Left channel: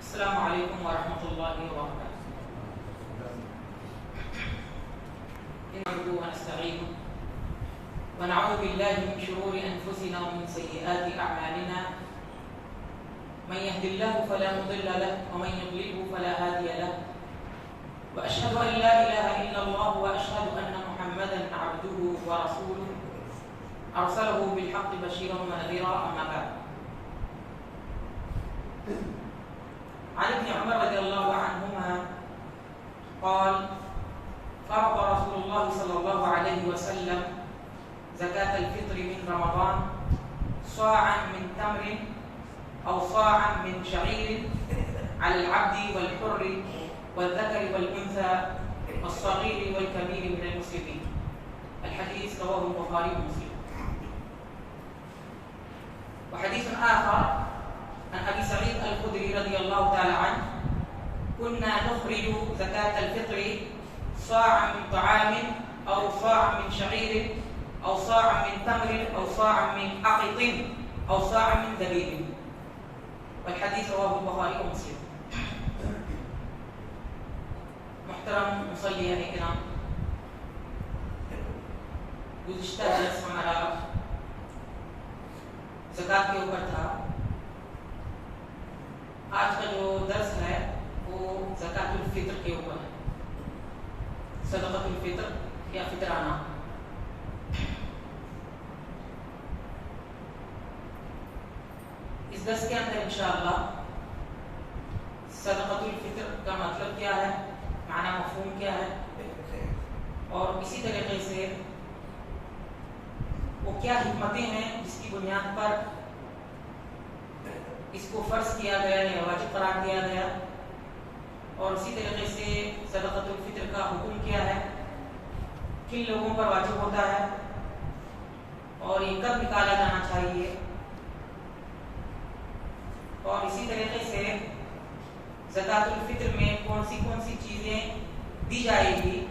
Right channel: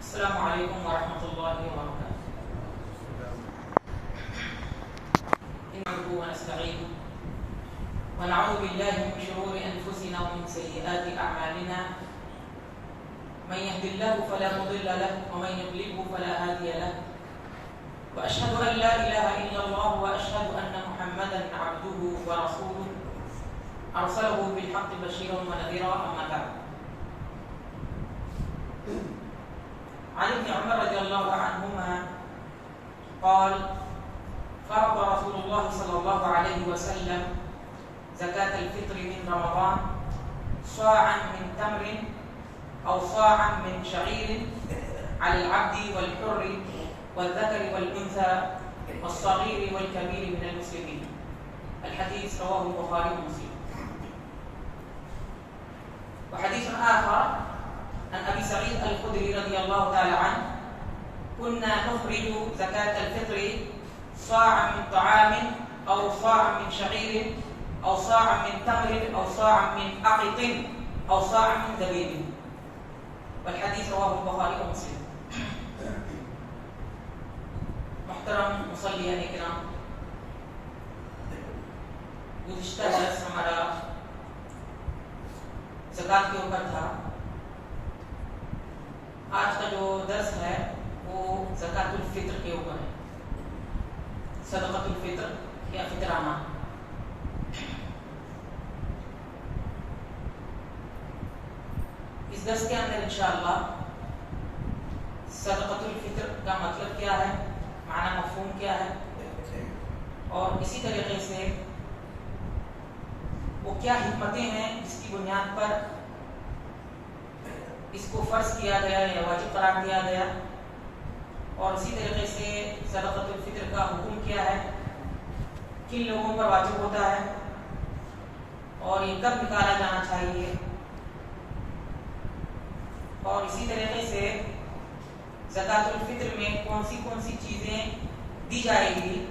السلام علیکم ورحمۃ اللہ وبرکاتہ. نحمده ونستعينه ونعوذ بالله من شرور انفسنا ومن سيئات اعمالنا. من يهد الله فلا مضل له ومن يضلل فلا هادي له. واشهد ان لا اله الا الله واشهد ان محمدا عبده ورسوله ارسله بالحق بشيرا ونذيرا. اما بعد. عن ابن عمر رضي الله عنهما قال فرض رسول الله صلى الله عليه وسلم زكاة الفطر من رمضان صاعا من تمر أو صاعا من شعير على العبد والحر والذكر والأنثى والصغير والكبير من المسلمين. الحديث رواه البخاري ومسلم. وحديث آخر عن أبي سعيد الخدري رضي الله تعالى عنه كنا نخرج زكاة الفطر صاعا من طعام أو صاعا من شعير أو صاعا من تمر أو صاعا من أقط أو صاعا من زبيب. والحديث رواه البخاري ومسلم. محترم مصلين کرام، گزشتہ درس ہمارا زکات کے اوپر تھا. آج کا جو درس ہے وہ زکات الفطر کے اوپر ہے. صدقۃ الفطر یا فطرانہ. اس درس کے اندر انشاءاللہ صدقۃ الفطر کا مطلب کیا ہے، معنی مفہوم کیا ہے، اور اسی طریقے سے وہ کیا حکمتیں ہیں جس کی بنیاد پر اس کو فرض کیا گیا یا واجب قرار دیا گیا، اور اسی طریقے سے صدقۃ الفطر کا حکم کیا ہے، کن لوگوں پر واجب ہوتا ہے، اور یہ کب نکالا جانا چاہیے، اور اسی طریقے سے زکات الفطر میں کون سی چیزیں دی جائے گی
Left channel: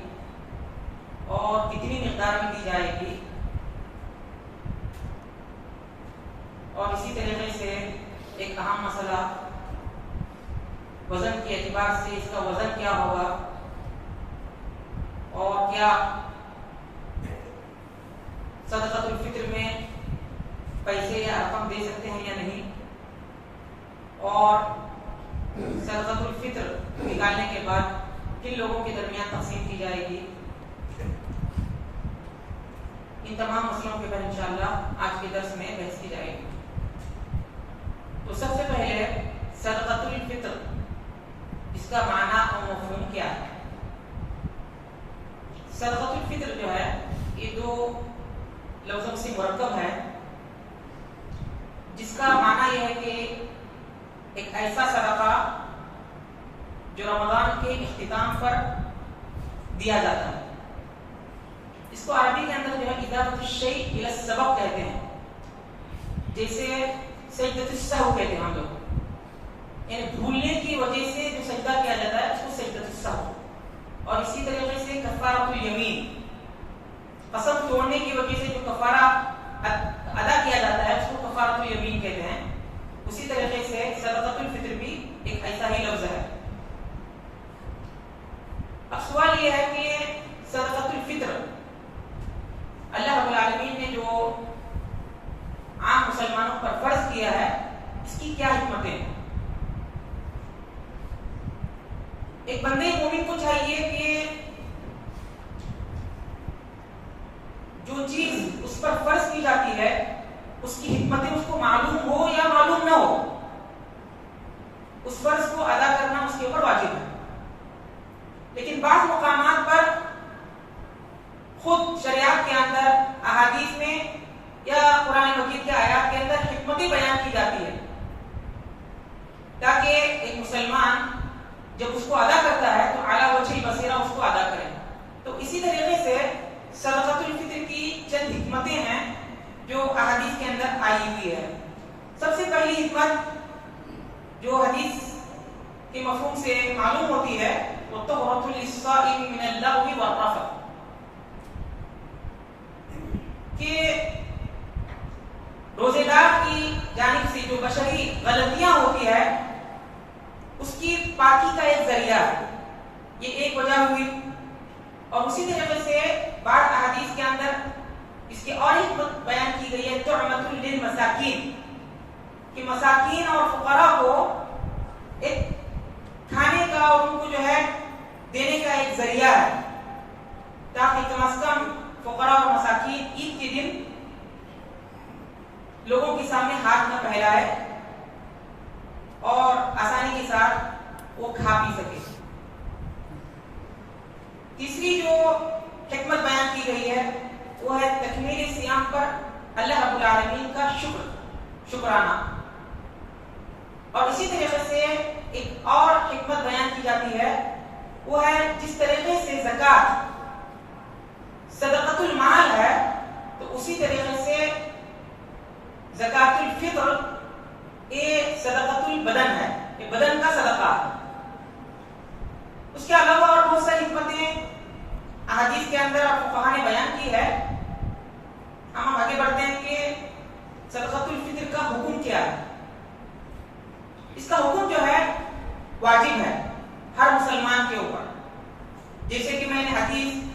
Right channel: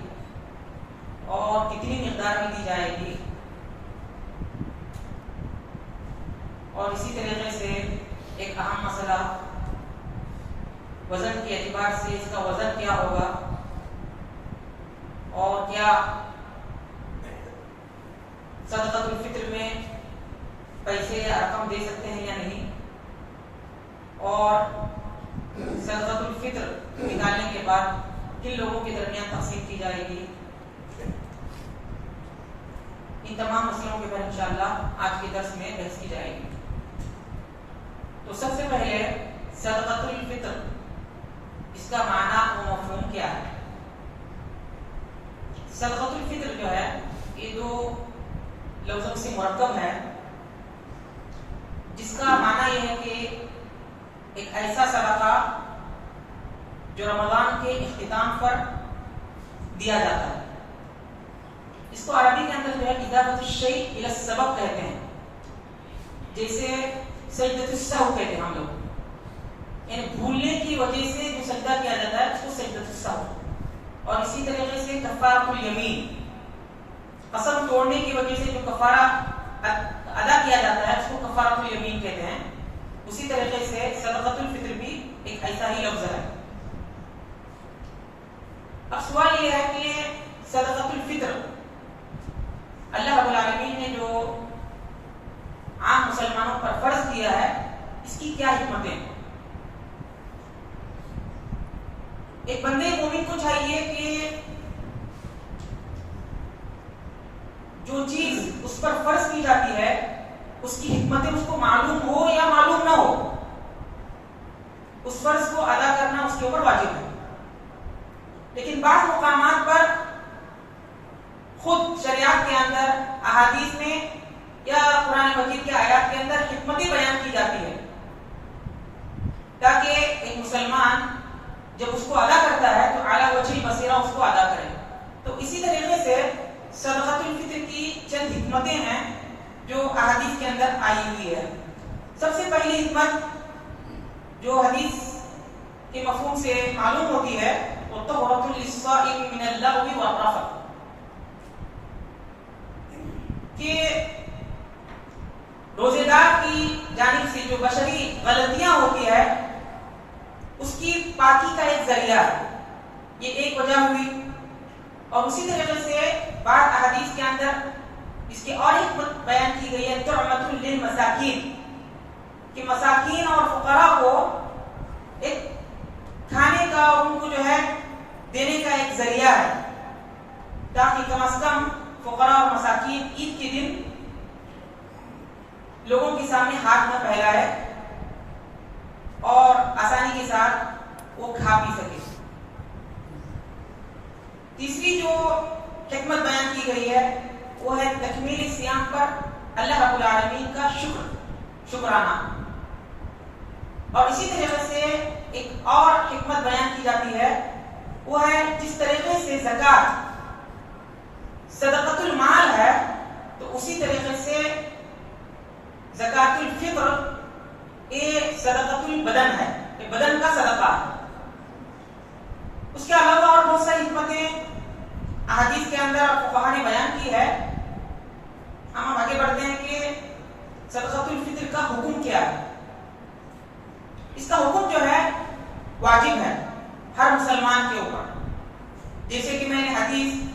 اور کتنی مقدار میں دی جائے گی، اور اسی طریقے سے ایک اہم مسئلہ وزن کے اعتبار سے اس کا وزن کیا ہوگا، اور کیا صدقۃ الفطر میں پیسے یا رقم دے سکتے ہیں یا نہیں، اور صدقۃ الفطر نکالنے کے بعد کن لوگوں کے درمیان تقسیم کی جائے گی. ان تمام مسئلوں کے اوپر انشاءاللہ آج کے درس میں بحث کی جائے گی. تو سب سے پہلے صدقۃ الفطر اس کا معنی و مفہوم کیا ہے. صدقۃ الفطر جو ہے یہ دو لفظوں سے مرکب ہے، جس کا معنی یہ ہے کہ ایک ایسا صدقہ جو رمضان کے اختتام پر دیا جاتا ہے. اس کو عربی کے اندر جو ہے اضافۃ الشیء الی السبب کہتے ہیں. جیسے سجدۃ السہو کہتے ہیں ہم لوگ، یعنی بھولنے کی وجہ سے جو سجدہ کیا جاتا ہے اس کو سجدۃ السہو. اور اسی طریقے سے کفارۃ الیمین، قسم توڑنے کی وجہ سے جو کفارہ ادا کیا جاتا ہے اس کو کفارۃ الیمین کہتے ہیں. اسی طریقے سے صدقۃ الفطر بھی ایک ایسا ہی لفظ ہے. اب سوال یہ ہے کہ صدقۃ الفطر اللہ رب العالمین نے جو عام مسلمانوں پر فرض کیا ہے اس کی کیا حکمتیں ہیں. ایک بندے مومن کو چاہیے کہ جو چیز اس پر فرض کی جاتی ہے اس کی حکمتیں اس کو معلوم ہو یا معلوم نہ ہو، اس فرض کو ادا کرنا اس کے اوپر واجب ہے. لیکن بعض مقامات پر خود شریعت کے اندر، احادیث میں یا قرآن مجید کے آیات کے اندر حکمتیں بیان کی جاتی ہے تاکہ ایک مسلمان جب اس کو ادا کرتا ہے تو اعلیٰ وجہ بصیرہ اس کو ادا کرے. تو اسی طریقے سے صدقۃ الفطر کی چند حکمتیں ہیں جو احادیث کے اندر آئی ہوئی ہے. سب سے پہلی حکمت جو حدیث کے مفہوم سے معلوم ہوتی ہے وہ طہرۃ للصائم من اللغو والرفث، کہ روزے دار کی جانب سے جو بشری غلطیاں ہوتی ہے اس کی پاکی کا ایک ذریعہ ہے، یہ ایک وجہ ہوئی. اور اسی طریقے سے بعض احادیث کے اندر اس کی اور حکمت بیان کی گئی ہے، طعمۃ للمساکین، کہ مساکین اور فقراء کو ایک کھانے کا اور ان کو جو ہے دینے کا ایک ذریعہ ہے، تاکہ کم از کم فقراء اور مساکین عید کے دن لوگوں کے سامنے ہاتھ نہ پھیلائے اور آسانی کے ساتھ وہ کھا پی سکے. تیسری جو حکمت بیان کی گئی ہے وہ ہے تکمیل صیام پر اللہ رب العالمین کا شکرانہ. اور اسی طریقے سے ایک اور حکمت بیان کی جاتی ہے، وہ ہے جس طریقے سے زکوٰۃ صدقۃ المال ہے، تو اسی طریقے سے زکوٰۃ الفطر یہ صدقۃ البدن ہے، یہ بدن کا صدقہ ہے. اس کے علاوہ اور بہت ساری حکمتیں احادیث کے اندر فقہا نے بیان کی ہے. ہم آگے بڑھتے ہیں کہ صدقۃ الفطر کا حکم کیا ہے. اس کا حکم جو ہے واجب ہے ہر مسلمان کے اوپر، جیسے کہ میں نے حدیث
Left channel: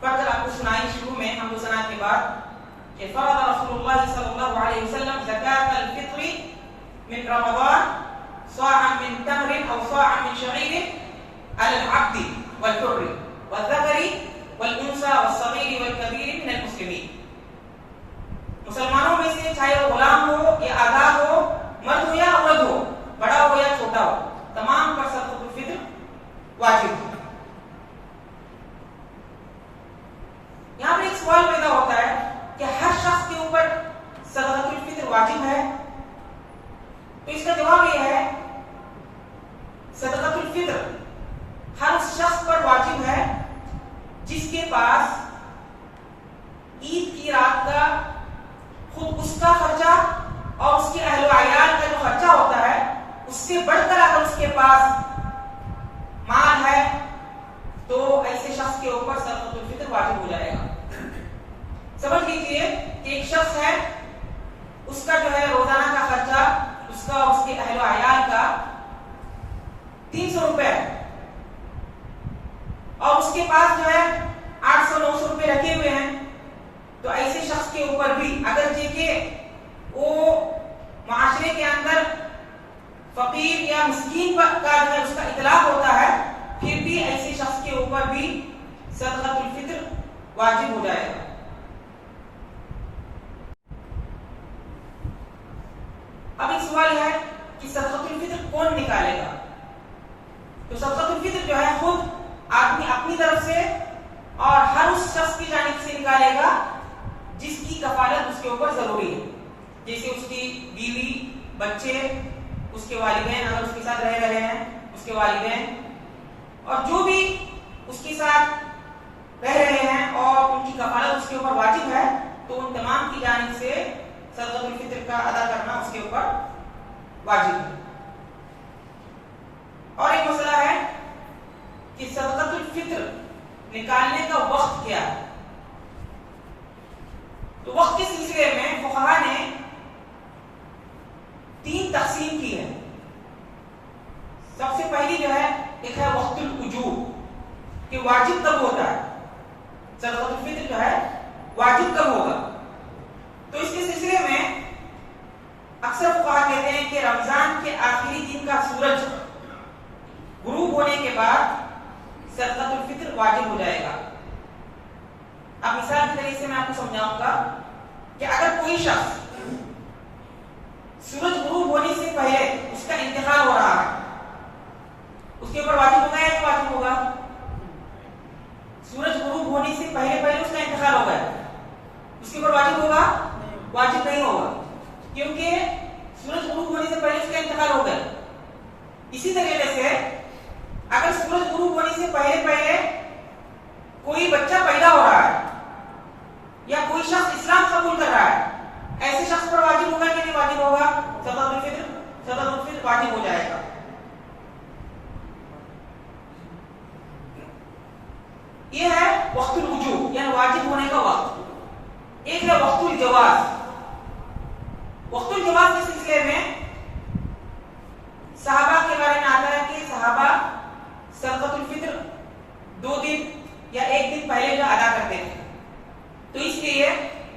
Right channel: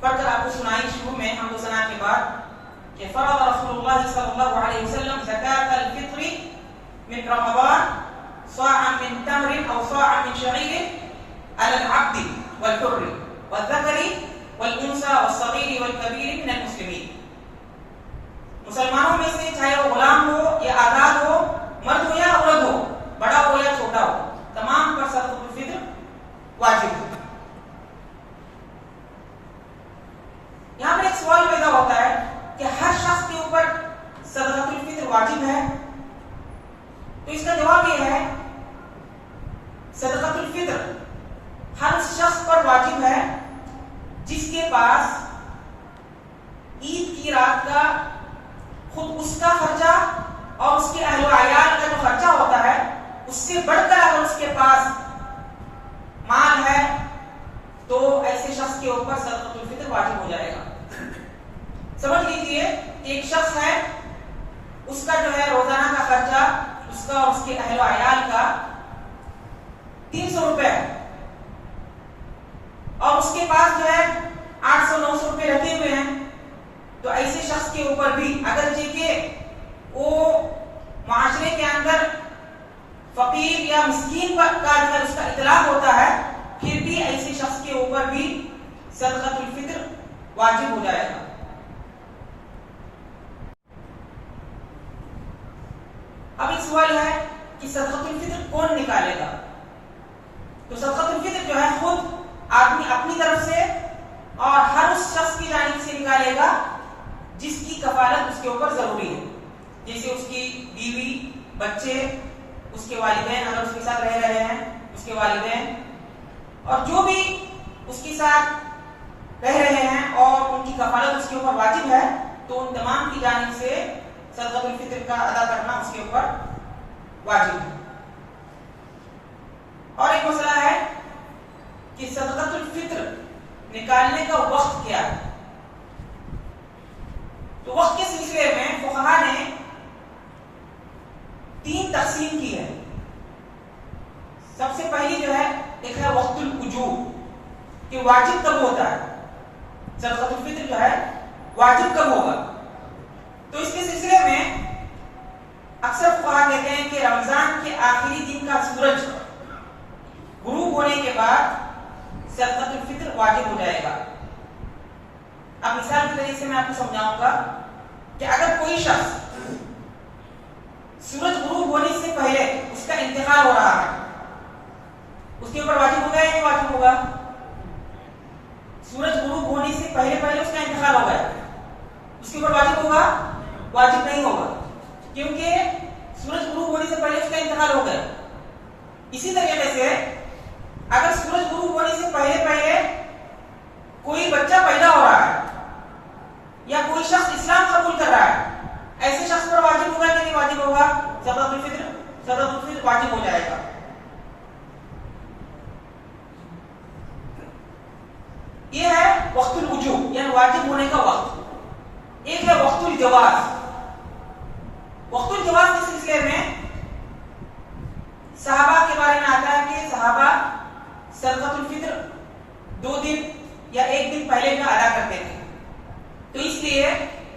پڑھ کر آپ کو سنائی شروع میں حمد و ثنا کے بعد کہ فرض رسول اللہ صلی اللہ علیہ وسلم زکاۃ الفطر من رمضان صاعا من تمر او صاعا من شعير على العبد والحر والذكر والانثى والصغير والكبير من المسلمين. مسلمانوں میں سے چاہے وہ غلام ہو یا آزاد ہو، مرد ہو یا عورت ہو، بڑا ہو یا چھوٹا ہو، تمام پر صدقۃ الفطر واجب ہے. یہاں پر ایک سوال پیدا ہوتا ہے کہ ہر شخص کے اوپر صدقۃ الفطر واجب ہے؟ تو اس کا جواب یہ ہے صدقۃ الفطر ہر شخص پر واجب ہے جس کے پاس عید کی رات کا خود اس کا خرچہ اور اس کے اہل و عیال کا جو خرچہ ہوتا ہے اس سے بڑھ کر اگر اس کے پاس مال ہے تو ایسے شخص کے اوپر صدقۃ الفطر واجب ہو جائے گا. سمجھ لیجیے کہ ایک شخص ہے، اس کا جو ہے روزانہ کا خرچہ اس کا اور اس کے اہل و عیال کا 300 روپے ہے، اور اس کے پاس جو ہے 800-900 روپے رکھے ہوئے ہیں. تو ایسے شخص کے اوپر بھی اگرچہ کہ وہ معاشرے کے اندر فقیر یا مسکین کا جو ہے اس کا اطلاق ہوتا ہے، پھر بھی ایسے شخص کے اوپر بھی صدقۃ الفطر واجب ہو جائے گا. اب ایک سوال ہے کہ صدقۃ الفطر کون نکالے گا؟ تو صدقۃ الفطر جو ہے خود آدمی اپنی طرف سے اور ہر اس شخص کی جانب سے نکالے گا جس کی کفالت اس کے اوپر ضروری ہے، جیسے اس کی بیوی، بچے، اس کے والدین اگر اس کے ساتھ رہ رہے ہیں اس کے والدین، اور جو بھی اس کے ساتھ رہ رہے ہیں اور ان کی کفالت اس کے اوپر واجب ہے، تو ان تمام کی جانب سے صدقۃ الفطر کا ادا کرنا اس کے اوپر واجب ہے. اور ایک مسئلہ ہے کہ صدقۃ الفطر نکالنے کا وقت کیا ہے. تو وقت کے سلسلے میں فقہا نے 3 تقسیم کی ہے. سب سے پہلی جو ہے ایک ہے وقت الوجوب، کہ واجب کب ہوتا ہے، صدقۃ الفطر جو ہے واجب کب ہوگا. تو اس کے سلسلے میں اکثر فقہا کہتے ہیں کہ رمضان کے آخری دن کا سورج غروب ہونے کے بعد صدقۃ الفطر واجب ہو جائے گا. اب مثال کے طریقے سے میں آپ کو سمجھاؤں گا کہ اگر کوئی شخص سورج غروب ہونے سے پہلے اس کا انتقال ہو رہا ہے، اس کے اوپر واجب ہوگا یا نہیں واجب ہوگا؟ سورج غروب ہونے سے پہلے اس کا انتقال ہو گیا، اس کے اوپر واجب ہوگا؟ واجب نہیں ہوگا، کیونکہ سورج غروب ہونے سے پہلے اس کا انتقال ہو گیا. اسی طریقے سے اگر سورج غروب ہونے سے پہلے کوئی بچہ پیدا ہو رہا ہے یا کوئی شخص اسلام قبول کر رہا ہے، ایسے شخص پر واجب ہوگا کہ نہیں واجب ہوگا؟ صدقۃ الفطر واجب ہو جائے گا. یہ ہے وقت الوجوب یعنی واجب ہونے کا وقت. ایک ہے وقت الجواز. وقت الجواز کے سلسلے میں صحابہ کے بارے میں صدقۃ الفطر 2 دن یا 1 دن پہلے جو ادا کرتے تھے. تو اس لیے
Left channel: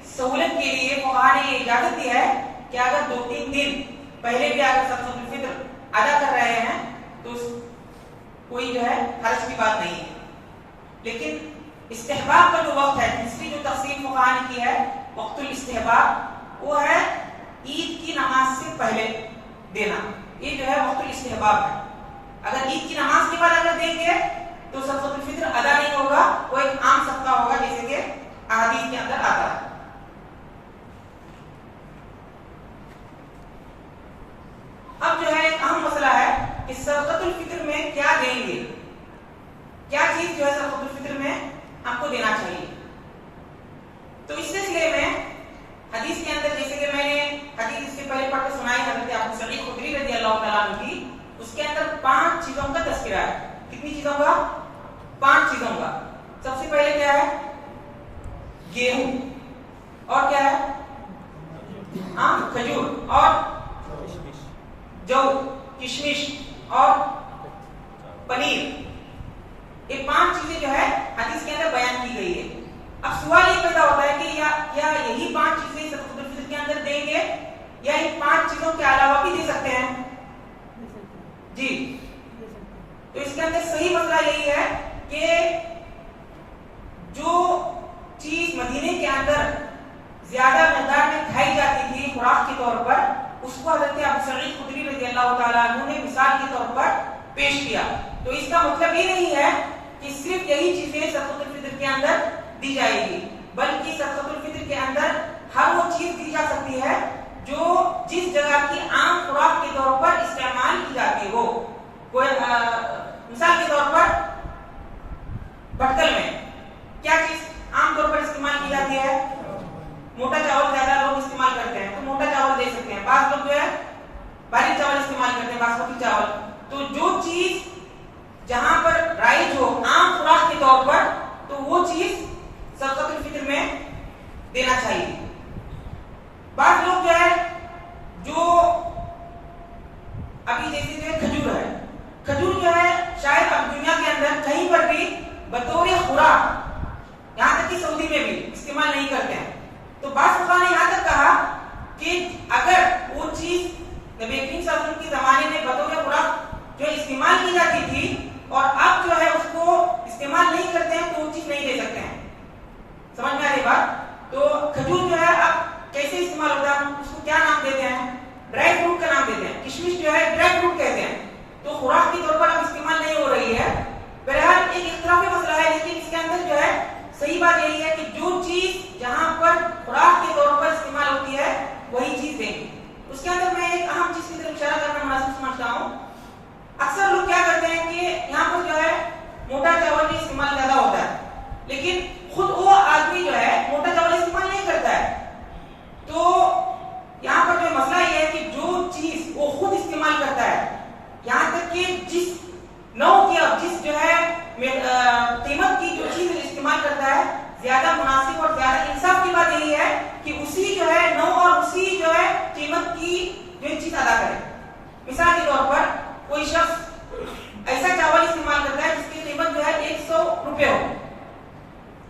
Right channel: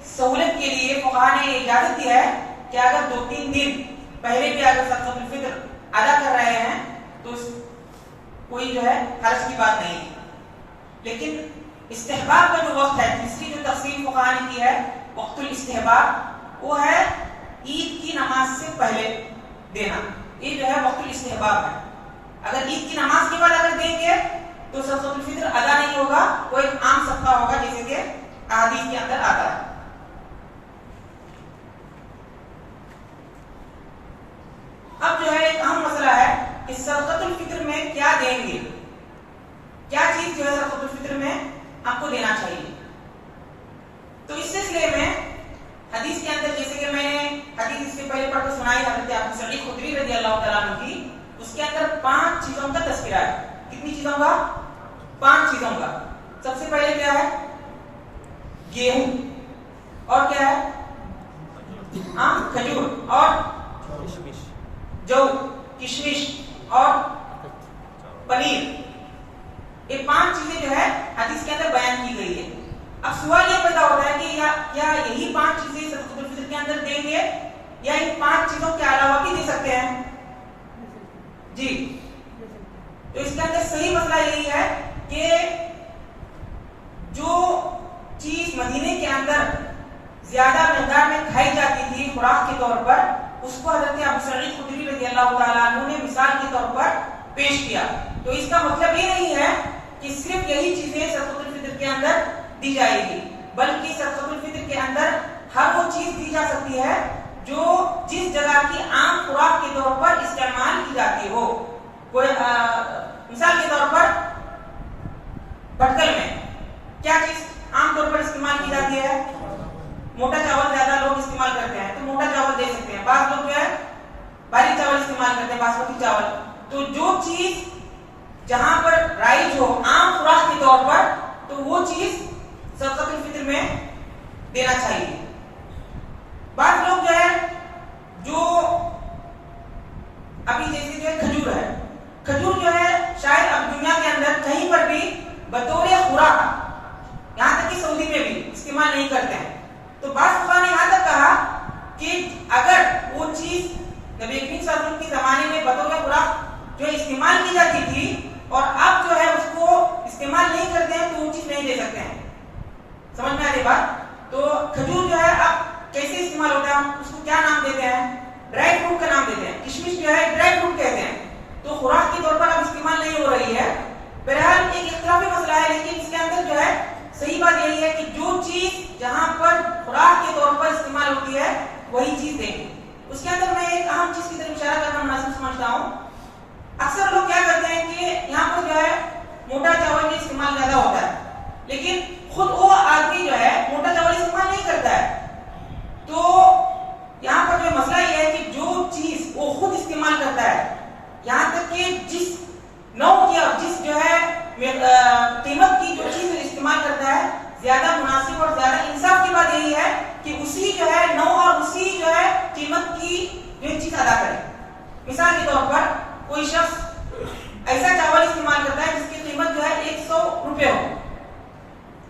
سہولت کے لیے فقہاء نے اجازت دیا ہے کہ اگر 2-3 دن پہلے بھی اگر صدقۃ الفطر ادا کر رہے ہیں تو کوئی جو ہے حرج کی بات نہیں ہے. لیکن استحباب کا جو وقت ہے، تیسری جو تقسیم فقہاء نے کی ہے وقت الاستحباب، وہ ہے عید کی نماز سے پہلے دینا. یہ جو ہے وقت الاستحباب ہے. اگر عید کی نماز کے بعد اگر دیں گے تو صدقۃ الفطر ادا نہیں ہوگا، وہ ایک عام صدقہ ہوگا جیسے کہ احادیث کے اندر آتا ہے. اب جو ہے ایک اہم مسئلہ ہے کہ صدقۃ الفطر میں کیا دیں گے، کیا چیز جو ہے صدقۃ الفطر میں آپ کو دینا چاہیے. تو اس سلسلے میں حدیث کے اندر، جیسے کہ میں نے حدیث اس سے پہلے پڑھ کے سنائی حضرت ابو سعید خدری رضی اللہ تعالیٰ عنہ کی، اس کے اندر 5 چیزوں کا تذکرہ ہے. کتنی چیزوں کا؟ 5 چیزوں کا. سب سے پہلے کیا ہے؟ گیہوں. اور کیا ہے؟ کھجور اور جو کشمش اور پنیر. یہ 5 چیزیں جو ہے حدیث کے اندر بیان کی گئی ہے. اب سوال یہ پیدا ہوتا ہے کہ کیا یہی 5 چیزیں صدقۃ الفطر کے اندر دیں گے یا ان 5 چیزوں کے علاوہ بھی دے سکتے ہیں؟ جی. تو اس کے اندر صحیح مسئلہ یہی ہے کہ جو چیز مدینے کے اندر زیادہ مقدار میں کھائی جاتی تھی خوراک کے طور پر، اس کو حضرت ابو سعید خدری رضی اللہ تعالیٰ عنہ نے مثال کے طور پر پیش کیا. تو اس کا مطلب یہ نہیں ہے کہ صرف یہی چیزیں صدقۃ الفطر کے اندر دی جائے گی، بلکہ صدقۃ الفطر کے اندر ہر وہ چیز دی جا سکتی ہے جو جس جگہ کی عام خوراک کے طور پر استعمال کی جاتی ہو. کوئی مثال کے طور پر بھٹکل میں کیا چیز عام طور پر استعمال کی جاتی ہے؟ موٹا چاول زیادہ لوگ استعمال کرتے ہیں تو موٹا چاول دے سکتے ہیں. بعض لوگ جو ہے باریک چاول استعمال کرتے ہیں، باسمتی چاول. تو جو چیز جہاں پر رائج ہو عام خوراک کے طور پر، تو وہ چیز صدقۃ الفطر میں دینا چاہیے. بعض لوگ جو ہے جو ابھی جیسے جو ہے کھجور ہے، کھجور جو ہے شاید اب دنیا کے اندر کہیں پر بھی بطور خوراک، یہاں تک کہ سعودی میں بھی استعمال نہیں کرتے ہیں. تو بعض فقہاء نے یہاں تک کہا کہ اگر وہ چیز نبی کریم صلی اللہ علیہ وسلم کے زمانے میں بطور خوراک جو ہے استعمال کی جاتی تھی اور اب جو ہے اس کو استعمال نہیں کرتے ہیں تو وہ چیز نہیں دے سکتے ہیں. سمجھ میں آ رہی بات؟ تو کھجور جو ہے اب کیسے استعمال ہوتا ہے؟ اس کو کیا نام دیتے ہیں؟ ڈرائی فروٹ کا نام دیتے ہیں. کشمش جو ہے ڈرائی فروٹ کہتے ہیں. تو خوراک کے طور پر اب استعمال نہیں ہو رہی ہے. بہرحال ایک اختلافی مسئلہ ہے، لیکن اس کے اندر جو ہے صحیح بات یہی ہے کہ جو چیز جہاں پر خوراک کے طور پر استعمال ہوتی ہے وہی چیز دیں گے. اس کے اندر میں ایک اہم چیز کی طرف اشارہ کرنا مناسب سمجھتا ہوں. اکثر لوگ کیا کرتے ہیں کہ یہاں پر جو ہے موٹا چاول بھی استعمال زیادہ ہوتا ہے، لیکن خود وہ آدمی جو ہے موٹا چاول استعمال نہیں کرتا ہے. تو یہاں پر جو مسئلہ یہ ہے کہ جو چیز وہ خود استعمال کرتا ہے، یہاں تک کہ جس نوع کی اور جس جو ہے قیمت کی جو چیز استعمال کرتا ہے، زیادہ مناسب اور زیادہ انصاف کی بات یہی ہے کہ اسی جو ہے نوع اور اسی جو ہے قیمت کی جو چیز ادا کرے. مثال کے طور پر کوئی شخص ایسا چاول استعمال کرتا ہے جس کی قیمت جو ہے 100 روپے ہو.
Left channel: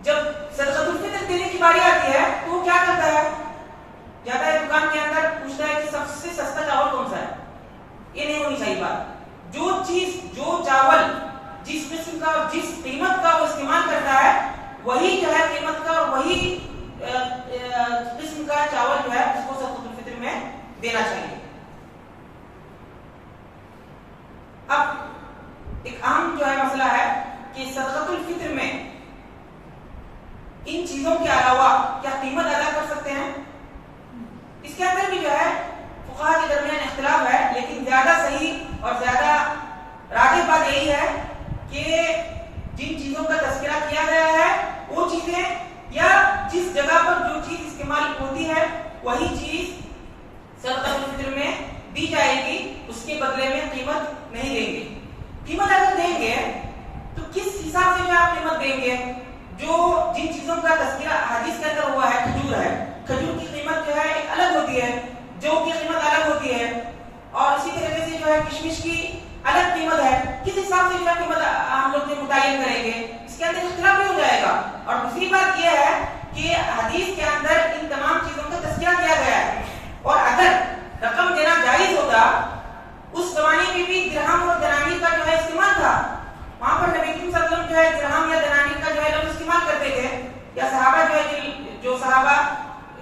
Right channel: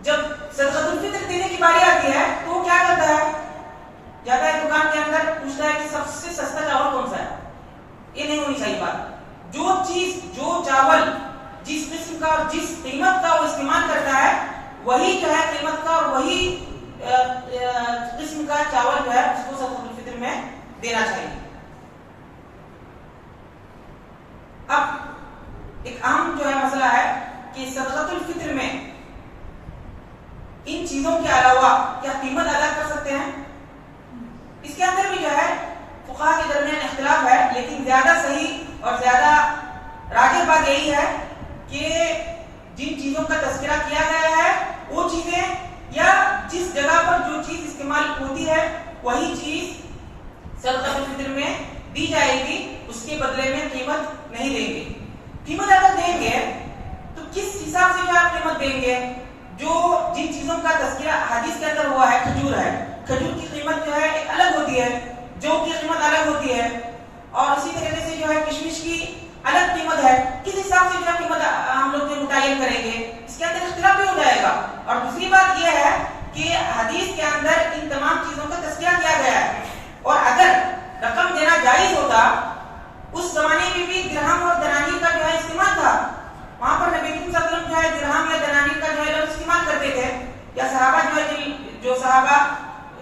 جب صدقۃ الفطر دینے کی باری آتی ہے تو وہ کیا کرتا ہے؟ جاتا ہے دکان کے اندر، پوچھتا ہے کہ سب سے سستا چاول کون سا ہے. یہ نہیں ہونی چاہیے بات. جو چیز، جو چاول جس قسم کا اور جس قیمت کا وہ استعمال کرتا ہے، وہی جو ہے قیمت کا اور وہی قسم کا چاول جو ہے اس کو صدقۃ الفطر میں دینا چاہیے. اب ایک اہم جو ہے مسئلہ ہے کہ صدقۃ الفطر میں ان چیزوں کے علاوہ کیا قیمت ادا کر سکتے ہیں؟ اس کے اندر بھی جو ہے فقہاء کے درمیان اختلاف ہے، لیکن زیادہ صحیح اور زیادہ راجح بات یہی ہے کہ جن چیزوں کا تذکرہ کیا گیا ہے وہ چیزیں یا جس جگہ پر جو چیز استعمال ہوتی ہے وہی چیز صدقۃ الفطر میں دی جائے گی. اس کے بدلے میں قیمت نہیں دیں گے. قیمت اگر دیں گے تو کس حساب سے جو آپ قیمت دیں گے؟ جو جن چیزوں کا تذکرہ حدیث کے اندر ہوا ہے، کھجور ہے، کھجور کی قیمت جو ہے ایک الگ ہوتی ہے، جو کی قیمت الگ ہوتی ہے، اور اسی طریقے سے جو ہے کشمش کی الگ قیمت ہے. کس حساب سے جو ہے قیمت ہم لوگ متعین کریں گے؟ اس کے اندر اختلاف بھی ہو جائے گا. اور دوسری بات یہ ہے کہ حدیث کے اندر ان تمام چیزوں کا تذکرہ کیا گیا ہے، اور اگر رقم دینا جائز ہوتا، اس زمانے میں بھی درہم اور دنانیر کا جو ہے استعمال تھا، وہاں پر نبی کریم صلی اللہ علیہ وسلم جو ہے درہم یا دنانیر کا جو ہے لفظ استعمال کرتے تھے، یا صحابہ جو ہے جو صحابہ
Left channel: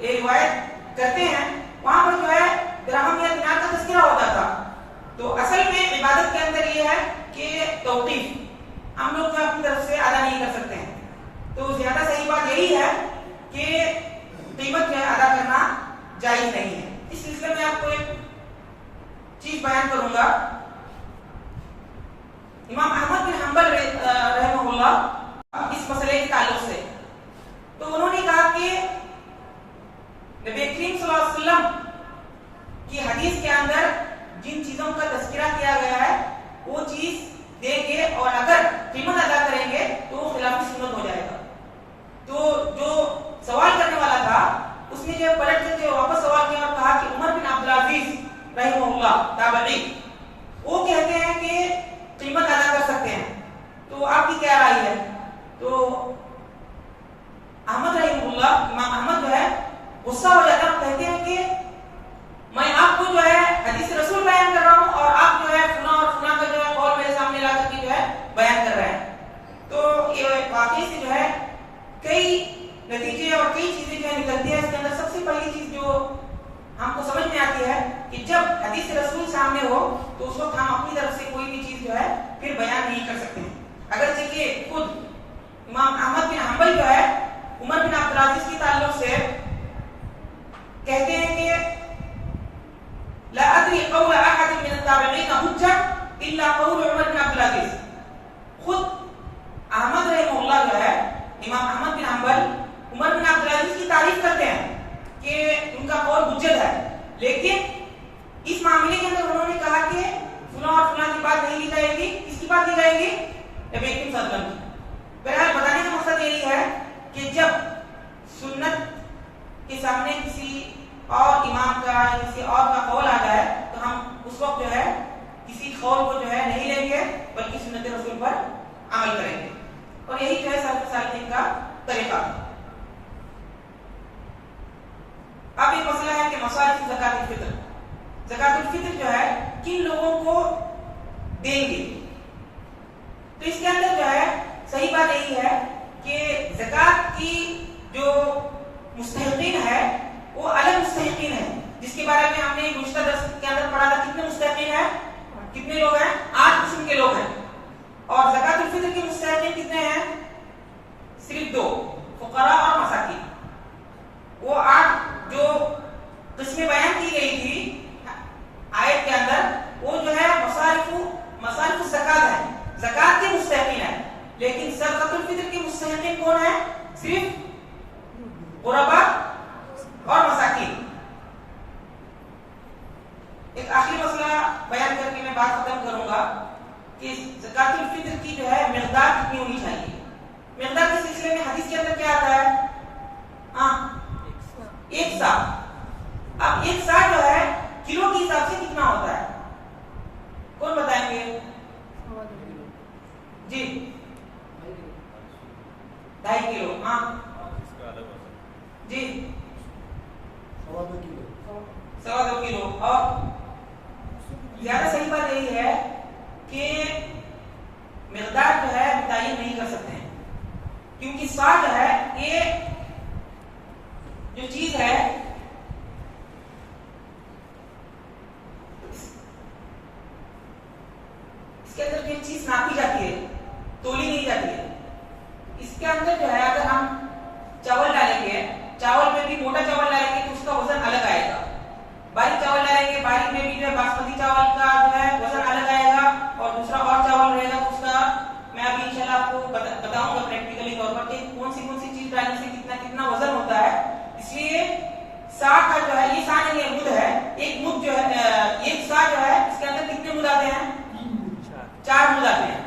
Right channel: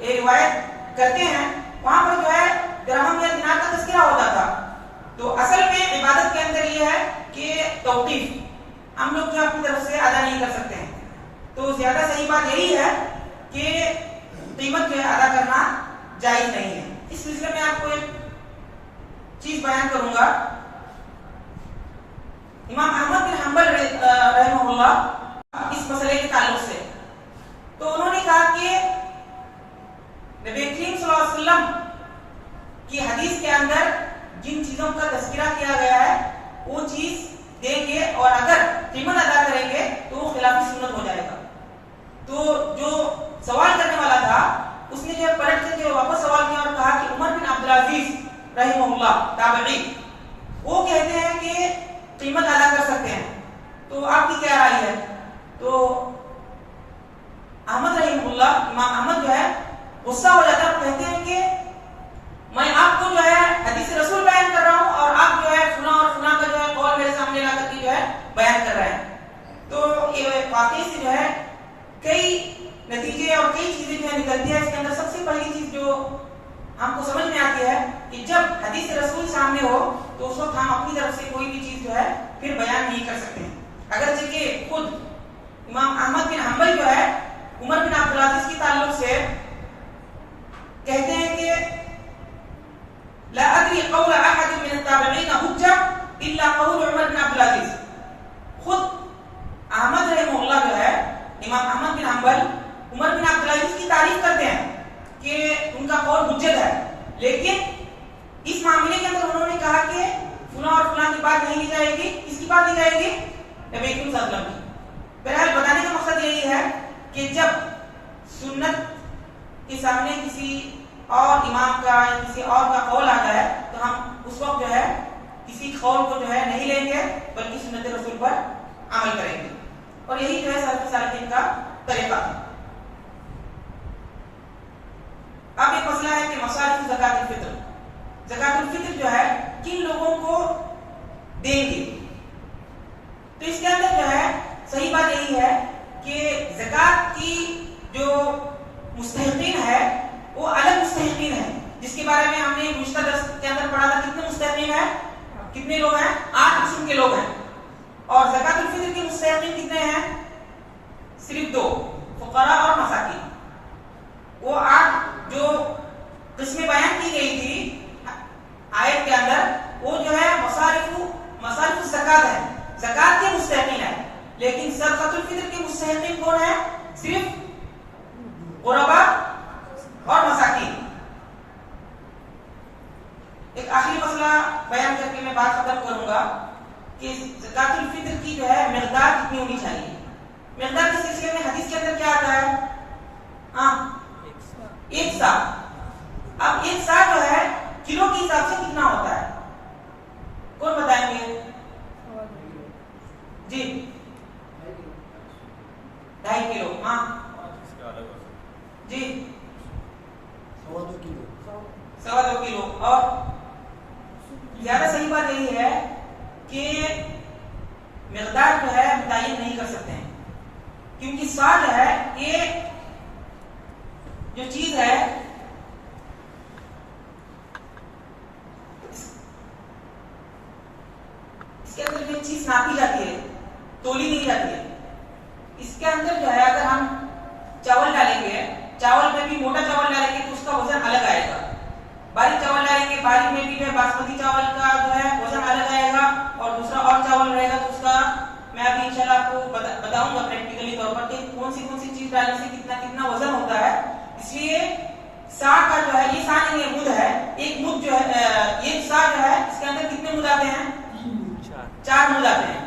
روایت کرتے ہیں وہاں پر جو ہے درہم یا دینار کا تذکرہ ہوتا تھا. تو اصل میں عبادت کے اندر یہ ہے کہ توقیف ہم لوگ جو اپنی طرف سے ادا نہیں کر سکتے ہیں. تو زیادہ صحیح بات یہی ہے کہ قیمت جو ہے ادا کرنا جائز نہیں ہے. اس سلسلے میں آپ کو ایک چیز بیان کروں گا. امام احمد بن حنبل رحمہ اللہ اس مسئلے کے تعلق سے تو انہوں نے کہا کہ نبی کریم صلی اللہ علیہ وسلم کی حدیث کے اندر جن چیزوں کا تذکرہ کیا گیا ہے وہ چیز دیں گے، اور اگر قیمت ادا کریں گے تو وہ خلاف سنت ہو جائے گا. تو جو سوال کرنے والا تھا اس نے جو پلٹ کے واپس سوال کیا اور کہا کہ عمر بن عبدالعزیز رحمہ اللہ تابعی وہ کہتے ہیں کہ قیمت ادا کر سکتے ہیں، تو آپ کی کیا رائے ہے؟ تو احمد رحمہ اللہ، امام احمد جو ہے غصہ ہو جاتا ہے اور کہتے ہیں کہ میں آپ کو جو ہے حدیث رسول بیان کر رہا ہوں اور آپ جو ہے فلاں اور فلاں کا جو ہے قول میرے سامنے لا کر کے جو ہے بیان کر رہے ہیں. تو یہ واقعی سے جو ہے کئی نتیجے اور کئی چیزیں جو ہے نکلتی ہیں. اس کے اندر سب سے پہلی چیز جو ہم کو سمجھ میں آتی ہے کہ جب حدیث رسول سامنے ہو تو اس وقت ہم اپنی طرف سے کوئی بھی چیز جو ہے پھر بیان نہیں کر سکتے ہیں. اگرچہ کہ خود امام احمد بن حنبل جو ہے عمر بن عبدالعزیز کی تعلق سے کہتے ہیں کہ لا ادری قول احد من التابعین حجہ الا قول عمر بن عبدالعزیز. خود احمد رحمہ اللہ جو ہے امام احمد بن حنبل عمر بن عبدالعزیز کی تعریف کرتے ہیں کہ ان کا قول حجت ہے، لیکن اس معاملے کے اندر انہوں نے کہا کہ فلاں اور فلاں کی بات نہیں لی جائے گی. کس کی بات لی جائے گی؟ نبی کریم صلی اللہ علیہ وسلم کی. بہرحال بتانے کا مقصد یہی ہے کہ جب سنت کے سامنے کسی اور امام کا یا کسی اور کا قول آ جائے تو ہم اس وقت جو ہے کسی قول کو جو ہے نہیں لیں گے بلکہ سنت رسول پر عمل کریں گے، اور یہی جو ہے سلف صالحین کا طریقہ ہے. اب ایک مسئلہ ہے کہ مصارف زکات الفطر. زکات الفطر جو ہے کن لوگوں کو دیں گے؟ تو اس کے اندر جو ہے صحیح بات یہی ہے کہ زکات کی جو مستحقین ہے وہ الگ مستحقین ہیں، جس کے بارے میں ہم نے گزشتہ درس کے اندر پڑھا تھا. کتنے مستحقین ہیں؟ کتنے لوگ ہیں؟ 8 قسم کے لوگ ہیں. اور زکات الفطر کے مستحقین کتنے ہیں؟ صرف 2، فقراء اور مساکین. وہ 8 جو قسمیں بیان کی گئی تھی آیت کے اندر وہ جو ہے مصارف زکات ہے، زکات کے مستحقین ہیں. لیکن زکات الفطر کے مستحقین کون ہیں؟ صرف غرباء اور مساکین. ایک آخری مسئلہ بیان کر کے میں بات ختم کروں گا کہ زکات الفطر کی جو ہے مقدار کتنی ہونی چاہیے. مقدار کے سلسلے میں حدیث کے اندر کیا آتا ہے؟ ایک سا. اب ایک سا جو ہے کلو کے حساب سے کتنا ہوتا ہے؟ کون بتائیں گے؟ جی 2.5 کلو. ہاں جی 2.25 کلو. اور زیادہ صحیح بات یہی ہے کہ مقدار جو ہے متعین نہیں کر سکتے ہیں، کیونکہ سا جو ہے یہ جو چیز ہے اس کے اندر جو چیز ناپی جاتی ہے تولی نہیں جاتی ہے. اس کے اندر جو ہے اگر ہم چاول ڈالیں گے، چاول میں بھی موٹا چاول ڈالیں گے تو اس کا وزن الگ آئے گا. باریک چاول ڈالیں گے، باریک میں بھی جو ہے باسمتی چاول کا جو ہے وزن الگ آئے گا، اور دوسرا اور چاول رہے گا تو اس کا میں ابھی انشاءاللہ آپ کو بتاؤں گا پریکٹیکلی طور پر کہ کون سی چیز ڈالنے سے کتنا وزن ہوتا ہے. اس لیے سا کا جو ہے یہ سا نہیں مد ہے. ایک مد جو ہے ایک سا جو ہے اس کے اندر کتنے مد آتے ہیں؟ 4 مد آتے ہیں.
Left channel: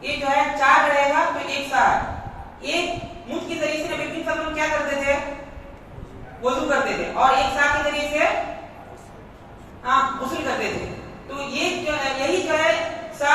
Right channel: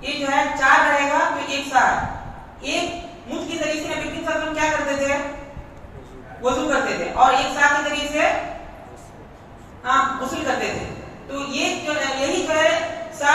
یہ جو ہے 4 رہے گا تو ایک سا ہے. ایک مد کے ذریعے سے نبی کریم صلی اللہ علیہ وسلم کیا کرتے تھے؟ وضو کرتے تھے، اور ایک سا کے ذریعے سے غسل کرتے تھے. تو یہ جو ہے یہی جو ہے سا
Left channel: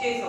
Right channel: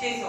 600।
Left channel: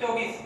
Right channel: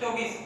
24।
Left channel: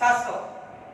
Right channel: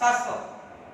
700।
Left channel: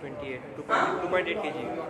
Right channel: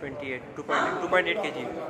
28 2.8 kg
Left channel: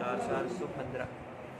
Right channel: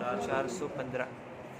415।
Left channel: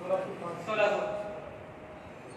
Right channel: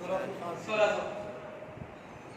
1600।